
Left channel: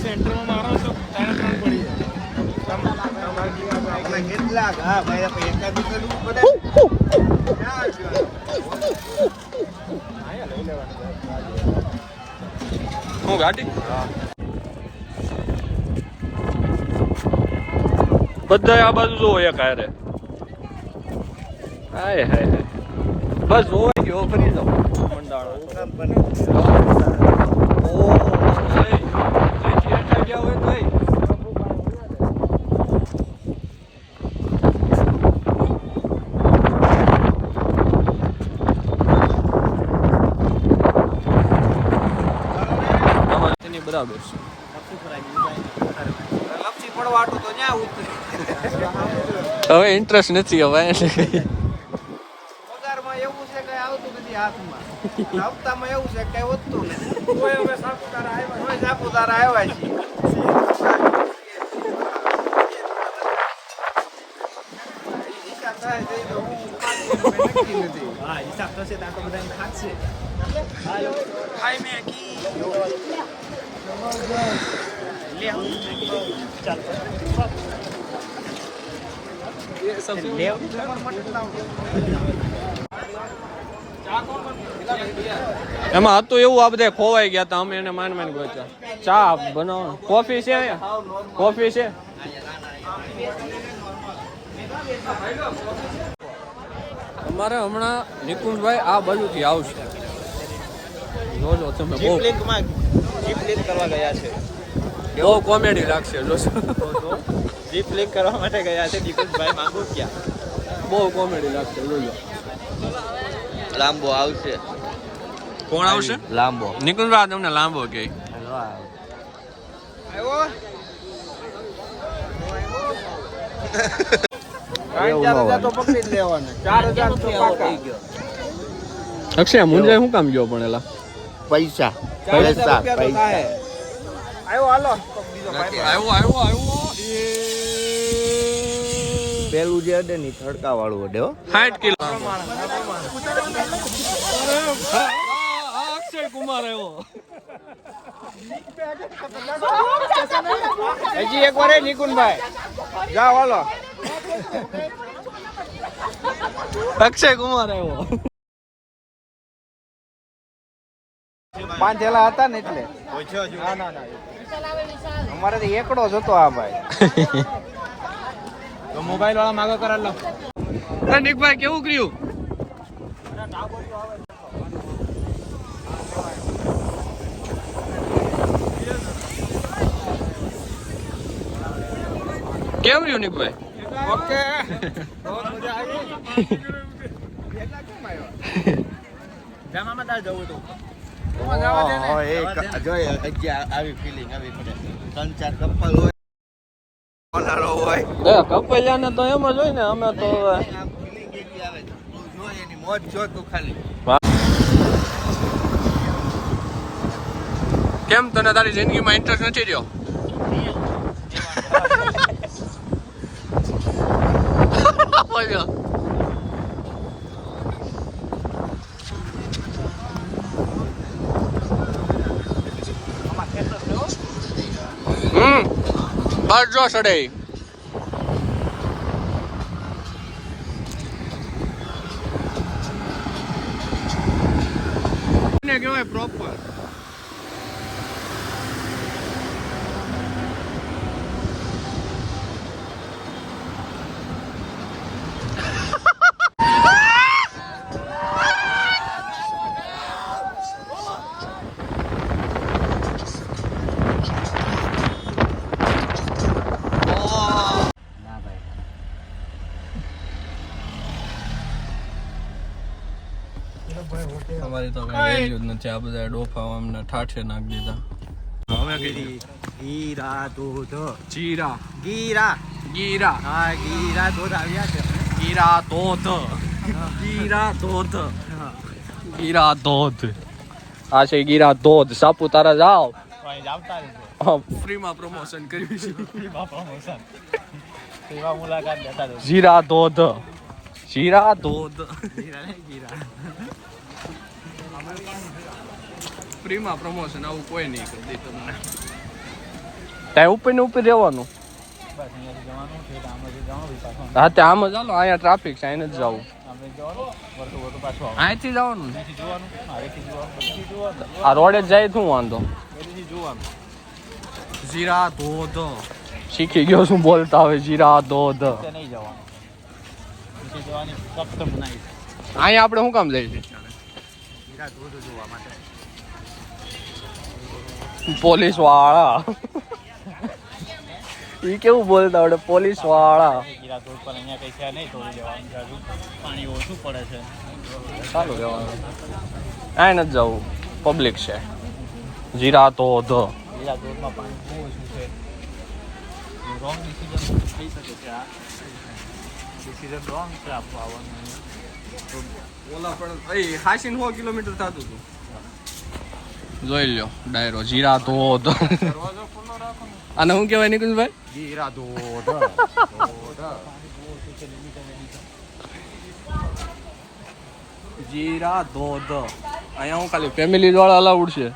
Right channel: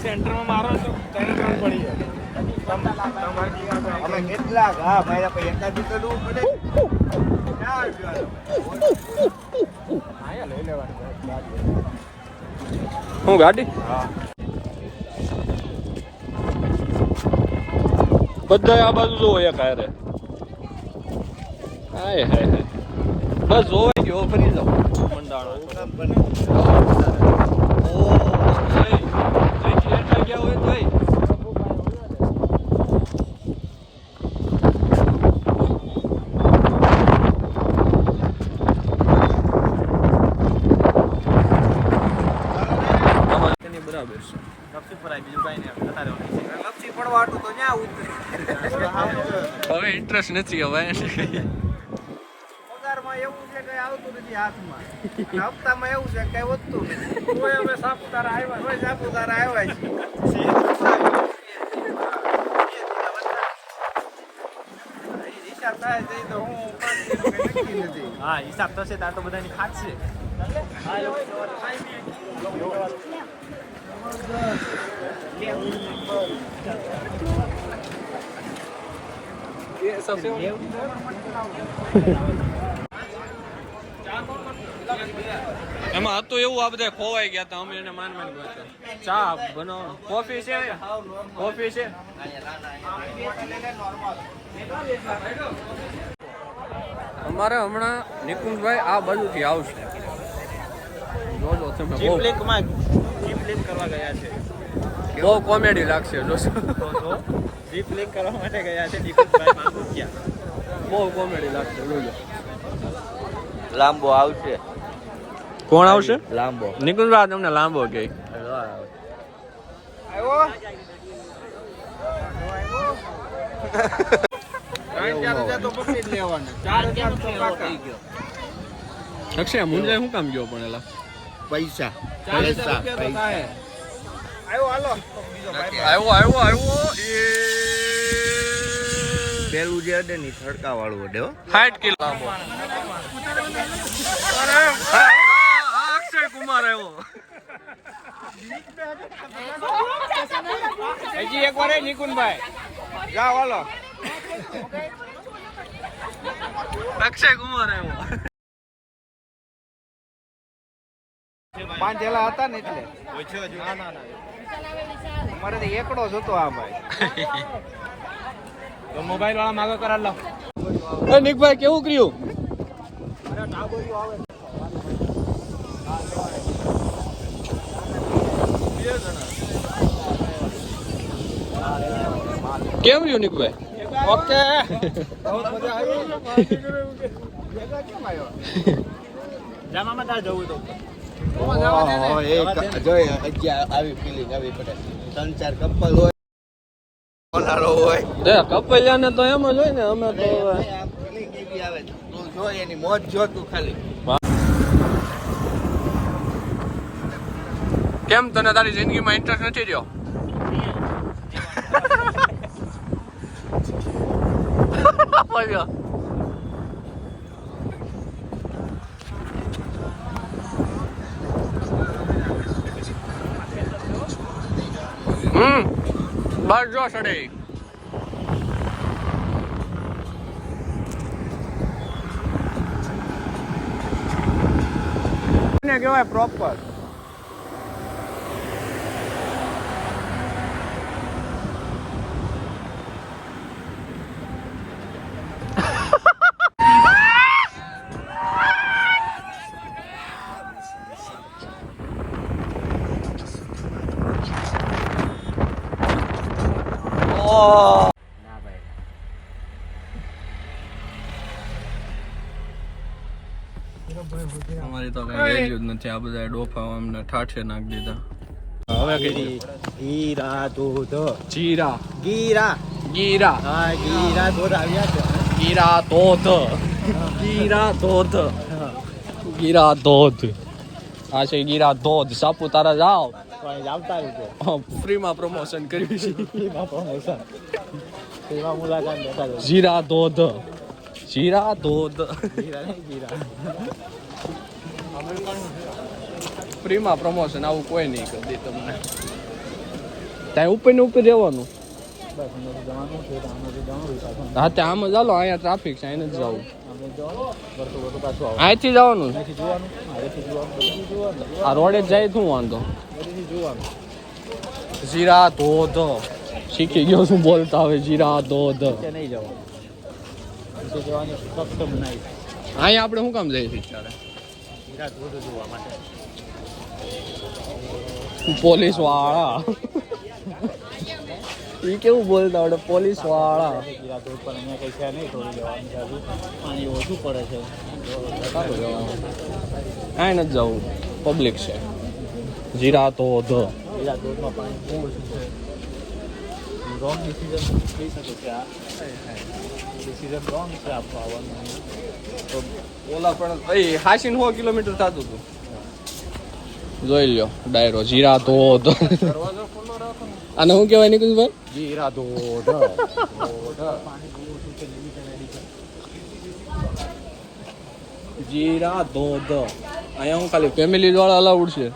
સેન્ટરમાં મારો તો 3 પડી અમે કેટલા હા ભાઈ પૈસા દુકાનો બધે હું ગાડી બધા આ બાજુ જોવો એક હારે હાય હાય બસ જોવાઈ ગયો ફરી જાઓ મંડાણો ગયા હોય કઈ બરાબર છે લપસી ફરાય બીજું કઈ નહીં લપસી પડવા આટું તો ન્યા ઉતરી હવે ઇન્ટરેસ્ટ નથી હવે પગારમાં એવું છે કઈ આવતું નથી હાથમાં અને હપ્તામાં એવું છે કઈ વધતું નથી કોઈ હવે સાપુતારા આવ્યા છે હિસાબ થાય છે તો હું 500 રૂપિયા નક્કી નથી હા હિસાબ થશે તો આ તો બધાને ખાશે ખાઈ મેં એમાં હતું એવું આ બધા ખોવાઈ ગયા હતા અમે એને માન ગોતા ચા બનાવો કોફી છે કોફી છે અમારે હમણાં નિકુંજભાઈ આ બાજુથી આવશે જોજો તમે બહુ કરવા ગયા છે બહુ કોમેડી લાગશે જોશો જીપ લિંક કરવા માટે ગયા છે દીપકભાઈ માંગુ ત્યાં બહુ કોમેડી લાગશે જોજો લાંબો આવશે કોણ આવશે લાંબો નિકુંજભાઈ તમને લાંબો કે પકડી જ લેવાના 4000 તો પાકા. અક્ષય મુંજાઈ શું કામ ગયો પણ એલા પૈસા 4000 રૂપિયા તો થાય. આવ્યો હાલો પેલું જે અડે ની થડકા વાળું અડે 60 કિલો લાંબો અક્ષય કુમાર આવ્યો હજી એક વાર નિકુંજભાઈ જાઓ હાલો. અક્ષય કુમાર આવ્યો 5 થેલા હતા ને એટલે અમારે તો એકડો જ હતો આ ભાઈ. તો મોબાઈલ વાળા માગો કરા લો. એ નિકભાઈ કેવું કર્યું કેમ રહ્યું નિકભાઈ ઓકે બહુ મજા આવી. જામામાં તાર જવું તો આવી ફિલિંગ આવી પડે 3-4 કપલ હોય કપલિયાને તો એમ જ હોય ને અમે તો ફિલિંગ કેવી આવે તું જો એની મોજ જો તું ખાલી કેમ તને તારી જિંદગીમાં ઇન્ટરેસ્ટ નથી રહ્યો બસ જો સડે કહેવાય પ્રોપર. અમારી તો કઈ વેલ્યુ જ નથી આ બધા ડોફા અમને ઠાઠે નાખી દીધા હવે કઈ ગીરા દૂધ જીરા ગીરા ગીરા હા ગીરા દૂધ આવ્યા છે ગીરા ધોધ ગીરા ધોધ ગીરા ધોધ આ છે ગીરા ધોધ સાપુતારા જાઓ આવતા રહેજો ફ્રીમાં પ્રમોશન કર્યું છે સેવા મુલાકાત લેતા રહેજો જીરા ધોધ જીરા ધોધ ગીરા નહીં ગીરા ફ્રીમાં પ્રમોશન આવું કોઈ નહીં કરી દે તમને ત્યાં ઉપર ને ઉપર રહેવાનું હા તે આમ જ હાલો અહીંયા ટ્રાફિક છે અહીંયા જ જવું અહીંથી જવાનું આ રોડે જ જાય શું વાંધો જીરા ધોધ શીખી ગયો શું બોલતા હવે જીરા ધોધ નહીં જવાનું જવાની ફક્ત મનાઈ અહીંયા આપણે શું કામ જઈએ છીએ ત્યારે ગીરા દૂધ જોવા માટે પોલીસ વાળા ઈ કેવું બોલતા આવડે પોલીસ વાળા ગીરા દૂધ પણ અહીંયા કઈ છે નહીં થોડું જવાનું હજુ પાણી ઓછું પડે છે સારું રહેવાનું અહીં નથી જવું પબ્લિક છે જીરા ધોધ ગીરા દૂધમાં પાણી બહુ ઓછું છે રોંગ ડિસિઝન થઈ શકે છે આ ડિસિઝન રોંગ છે આપવા આવવાનું અહીંયા તો ઓલા પણ ભાઈ 100 કિલોમીટર થતું હતું જોઈ લ્યો ડાયરો જીરા ધોધ અને શું કહેવાય નિકુંજભાઈ ગીરા દૂધ જીરા ધોધ અહીંયા હું ખાલી ફેમિલી વાળા અલાઉડ છે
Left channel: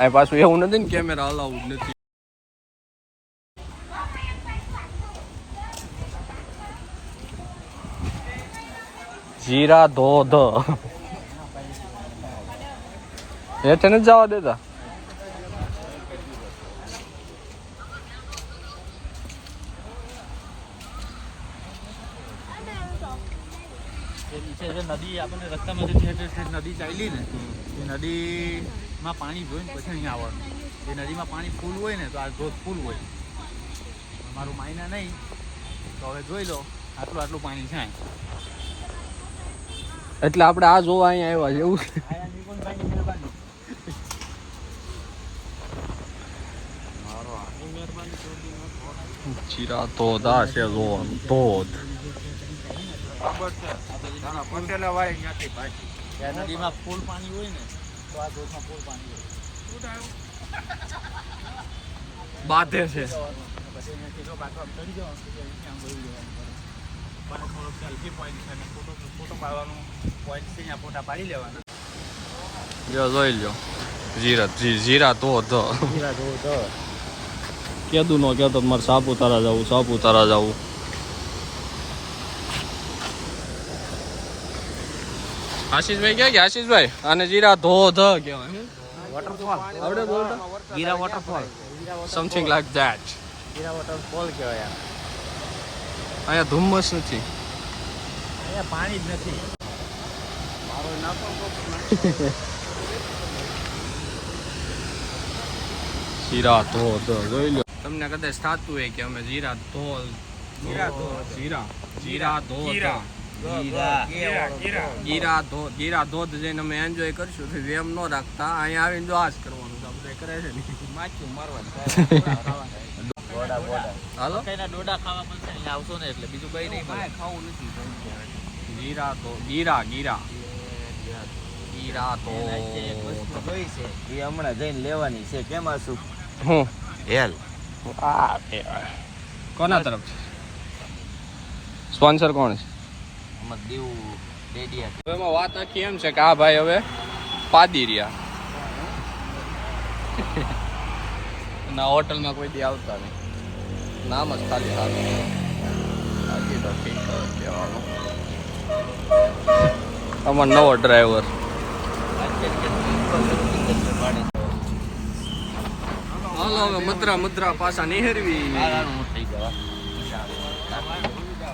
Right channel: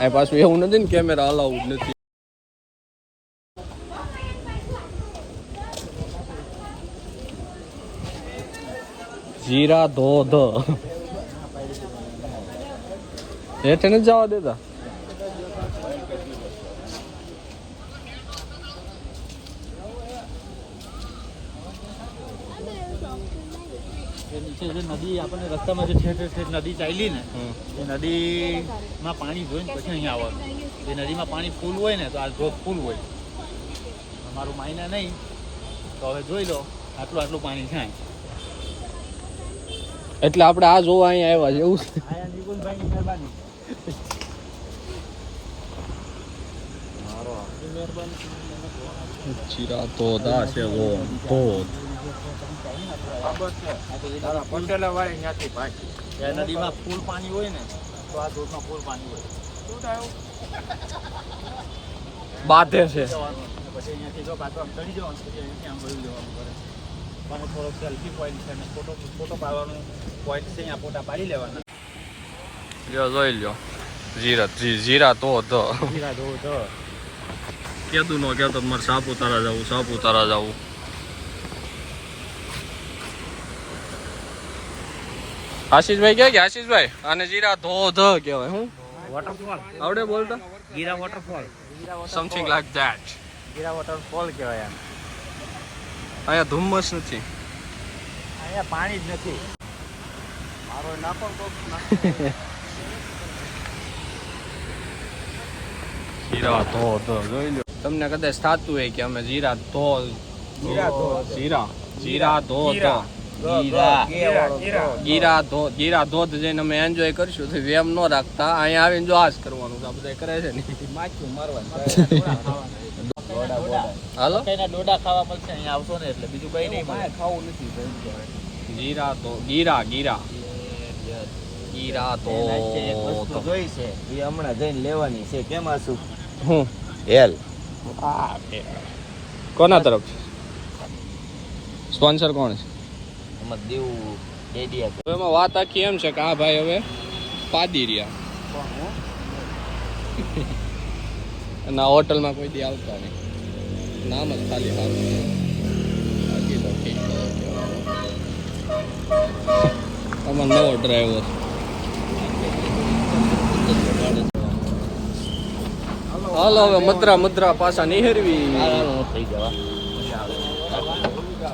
આ પાછું એવું નથી ને કેમેરા અલાઉડ નથી. જીરા ધોધ હેઠે નથી જવા દેતા. નીચે જે નદી આપણને રસ્તામાં જે ઠેઠ ઠેઠ નદી ચાલી ને એ નદીમાં પાણી જોઈને પછી અહીંયા આવવાનું. એ નદીમાં પાણી ફૂલ હોય ને તો આ ધોધ ફૂલ હોય. અમારું માયના નહીં તો હવે જોઈ લો આટલું આટલું પાણી થાય. એટલે આપણે આ જોવા અહીંયા આવ્યા છે એવું. નિકુંજભાઈની મહેરબાની. જીરા ધોધ આ છે ધોધ. ત્યાં નદીમાં ફૂલ પાણી હોય ને તો આ ધોધમાં ફૂલ પાણી હોય. બાધે છે. પછી અહીંયાથી જો પાછું આમ ચડી જવાનું પછી અહીંથી આમ વળી જવાનું પડે. પણ થોડો સેલ્ફી પોઈન્ટ છે અને ફોટો પાડવાનું પોઈન્ટ છે અહીંયા ફોટા પાડી લેવાના. જોઈ લ્યો જીરા ધોધ. જીરા ધોધ. કેદું નો કેતો મારે સાપુતારા જવું. આશીષભાઈ ક્યાં ગયા? આશીષભાઈ આને જીરા ધોધ કહેવાય. હું વોટરફોલ. આવડે બોલતા? જીરા waterfall. Something like that. Jeera waterfall કહેવાય. અહીંયા ધુમ્મસ નથી. અહીંયા પાણી જ નથી. જીરા ધોધ જોઈ લો. તમને કદાચ થતું હોય કે અમે જીરા ધોધ ગીરા ધોધ જઈને અમે એન્જોય કરશું તો વેમ ન રાખતા. અહીંયા આવીને જો આજ કરવાનું આ બધા કરે છે ને. માખ્યું મારવાનું. હાલો કઈના ડોડા ખાવા મળશે અહીંયા આવશો ને એટલે બીજું કઈ નહીં મળે. ખાવું નથી ગીરા ધોધ. જોઈ છે એ હમણાં જઈને લેવાની છે. કેમાં શું હું હેલ કોના તરફ સ્પોન્સર કોણ છે? આમાં દેવું દઈ દે. હવે એમાં વાત આખી એમ છે કે આ ભાઈ હવે પાદી રહ્યા અને આ હોટલમાં કોઈ દી આવતા નહીં. નામ જ ખાલી સારું છે. બાકી તો ઠીક કહેવાનું. અમારો નવો ડ્રાઈવર. હાલો હવે મદ્રા પાછા નિહેરવી.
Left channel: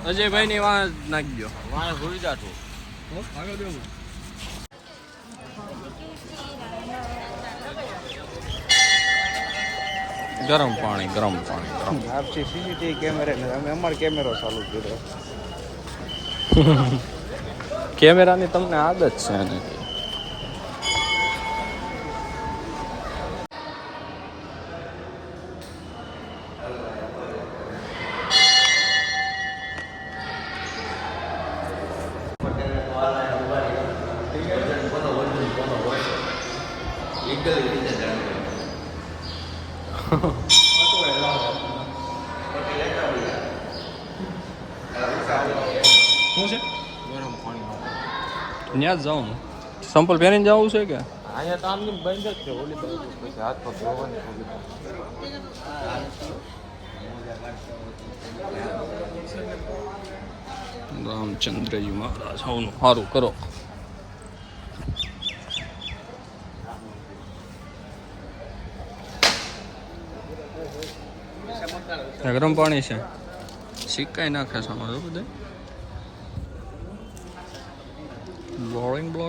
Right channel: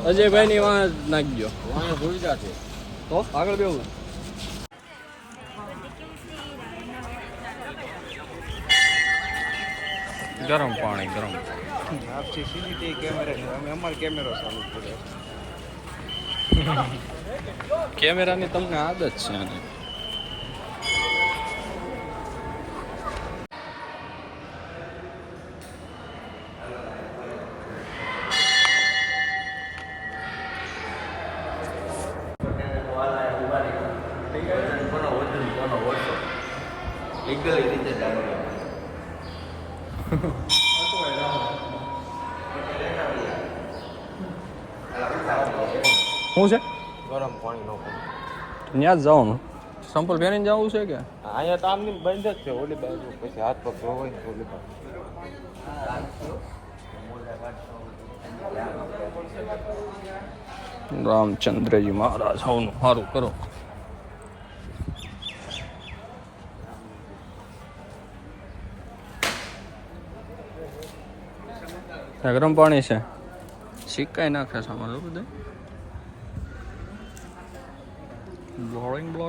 અજયભાઈ ની વાં નાખજો તો આગળ બેવું. ગરમ પાણી આપથી સીસીટીવી કેમેરા અમે અમારો કેમેરો ચાલુ કર્યો. કેમેરાની તમને આદત છે એની. શું છે? ગરમ પાણીનો ત્યાં જ જવાનું. સંપલ પહેરીને જવું છે કે? અહીંયા તો આમની બંધ જ છે. ઓલી બાજુ પછી હાથ પગ ધોવો ને ઓલી બાજુ. રામચંદ્રજી મહારાજ સૌનું સારું કરો. ગરમ પાણી છે. સિક્કાઈ નાખે છે અમારે બધા. Blowing blow.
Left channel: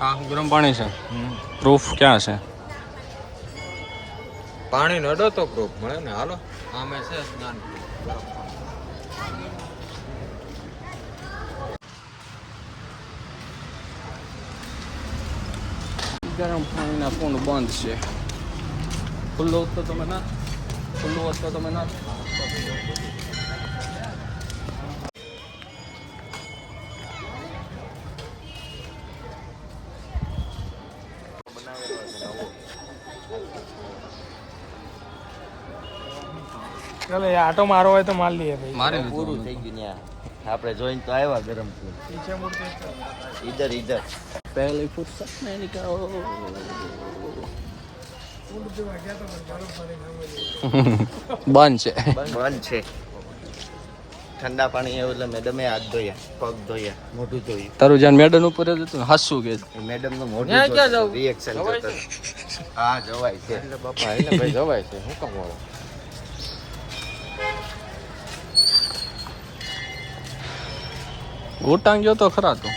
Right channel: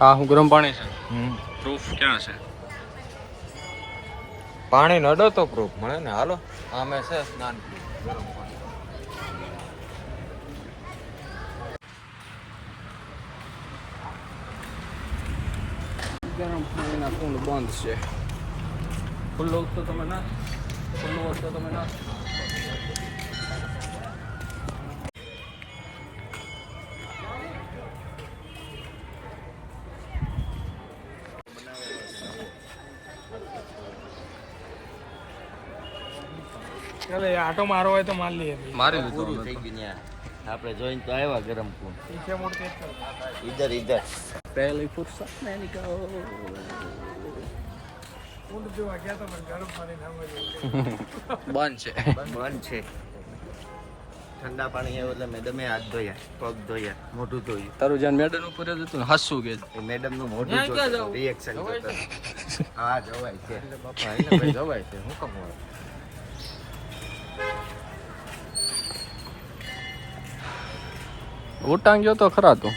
હા ગરમ પાણી છે. પ્રૂફ ક્યાં છે? પાણી નડો તો પ્રૂફ મળે ને. હાલો આમે છે સ્નાન પ્રૂફ ગરમ પાણી. ગરમ પાણીના કુંડ બંધ છે. ખુલ્લું તો તમે ના ખુલ્લું હોત તો તમે ના આટો મારો હોય તો માર લઈએ મારી લીધું પૂરું થઈ ગયું ત્યાં આપણે જોઈને તો આવ્યા ગરમ પૂર ઈધર ઈધર પહેલી ફુરસત મેં નિકાલો બંધ છે બંધ છે ઠંડા પાણી એવું એટલે મેડમે હાથ ધોયા પગ ધોયા મોઢું ધોયું તારું જ્યાં મેડન ઉપર જ હતું ને હાસું કે એ મેડમ નું મોઢું જોતું રિએક્શન જોતું હા જવાય છે બાપા એને ભાઈ જવાય છે હું કામ આવું ઉટાંગ ગયો તો ખરા તું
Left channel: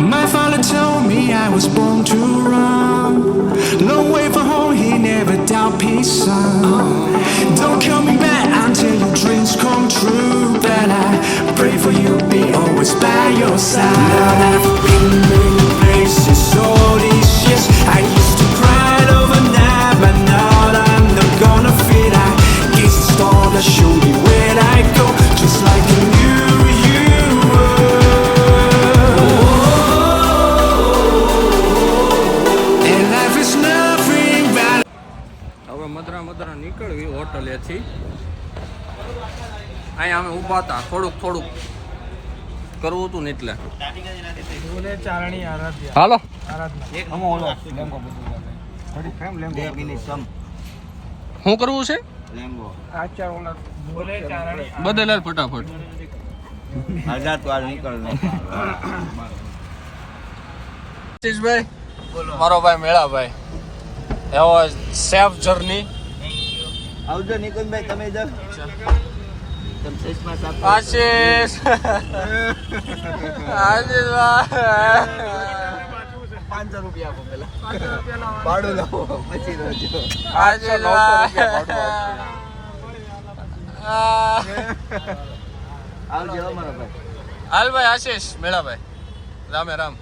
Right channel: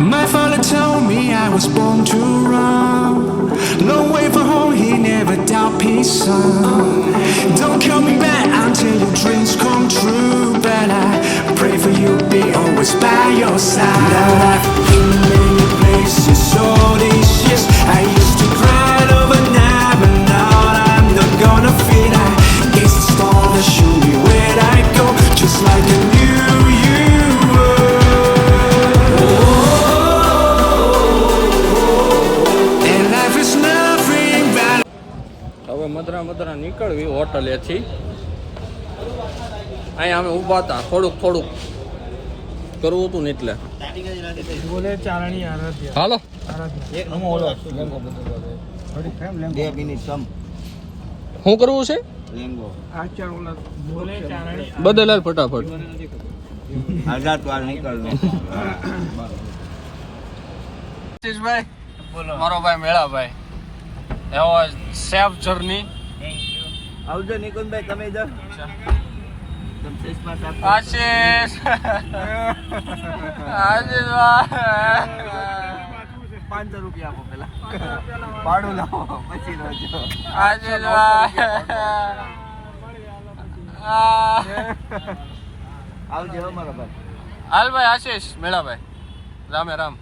My father told me I was born to run. Long way from home, he never doubt peace, son. Don't call me back until your dreams come true. But I pray for you, be always by your side. Now I've been many places all these years. I used to cry overnight, but now I'm not gonna fear. I gaze the stars that show me where I go, just like a new you. હવે મદરા નીકળવી હોટલેથી અહીંયા અમે ઊભા હતા થોડુંક કરવું હતું ને એટલે હાલો 2 મિનિટ સમ શું કરવું છે લેંગો બદલાલ ફટાફટ આઝાદ વાર નીકળને ભાઈ મારો ભાઈ મેળાભાઈ એવો સેફ જર્ની આવજો નિકુંજભાઈ તમે ઇધર તમ ચશ્મા સાફ આશીષ આશીષ ભાઈ 500 રૂપિયા આપો પેલા ભાડું લો પછી રોજો આશીષ ભાઈ આવજો અમારો ભાઈ હાલ ભાઈ આશીષ મેળાભાઈ રામે રામ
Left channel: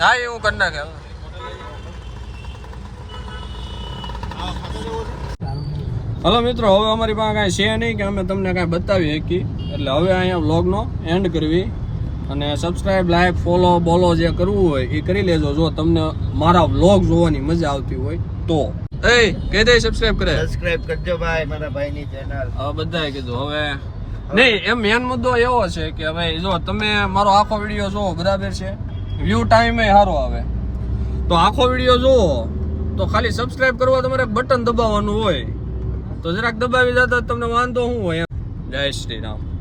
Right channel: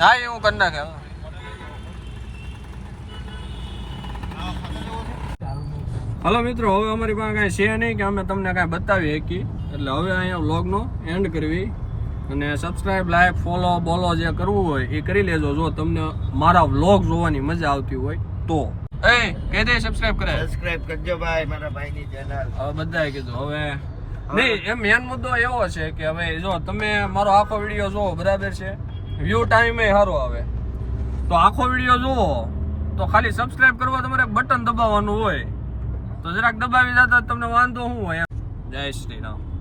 હા એ હું કરી નાખે હલો મિત્રો હવે અમારી પાસે કાંઈ છે નહીં કે અમે તમને કાંઈ બતાવી શકીએ એટલે હવે અહીંયા વ્લોગનો એન્ડ કરવી અને સબસ્ક્રાઈબ લાઈક ફોલો બોલો જે કરવું હોય એ કરી લેજો જો તમને મારા વ્લોગ જોવાની મજા આવતી હોય તો એ કહી દે સબસ્ક્રાઈબ કરે સબસ્ક્રાઇબ કરજો ભાઈ મારા ભાઈની ચેનલ હવે બધાએ કીધું હવે નહીં એમ મેન મુદ્દો એવો છે કે હવે જો તમે મારો આખો વિડીયો જોવો બરાબર છે વ્યૂ ટાઈમ એ સારો આવે તો આખો વિડીયો જોવો તો ખાલી સબસ્ક્રાઇબ કરવા તમારે બટન દબાવવાનું હોય તો જરાક દબાવી જતા તમને વાંધો શું હોય જય શ્રી રામ